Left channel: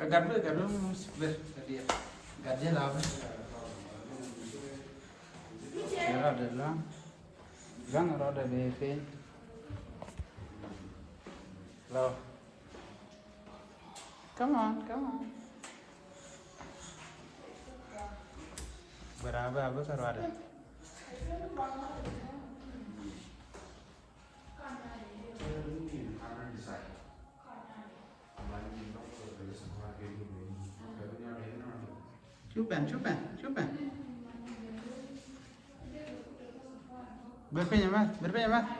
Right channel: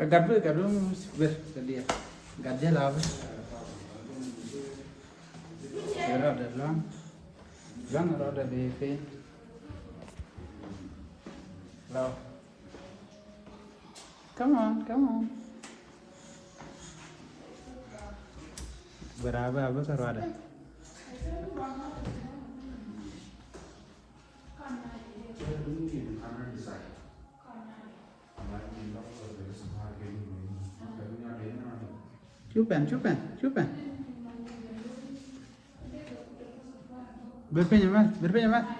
Gadu dia. Gadu lah apa? Kira ada lang ada di fin. Lo. Come on. Berapa kalau ada? Cuba. Berapa nyaman?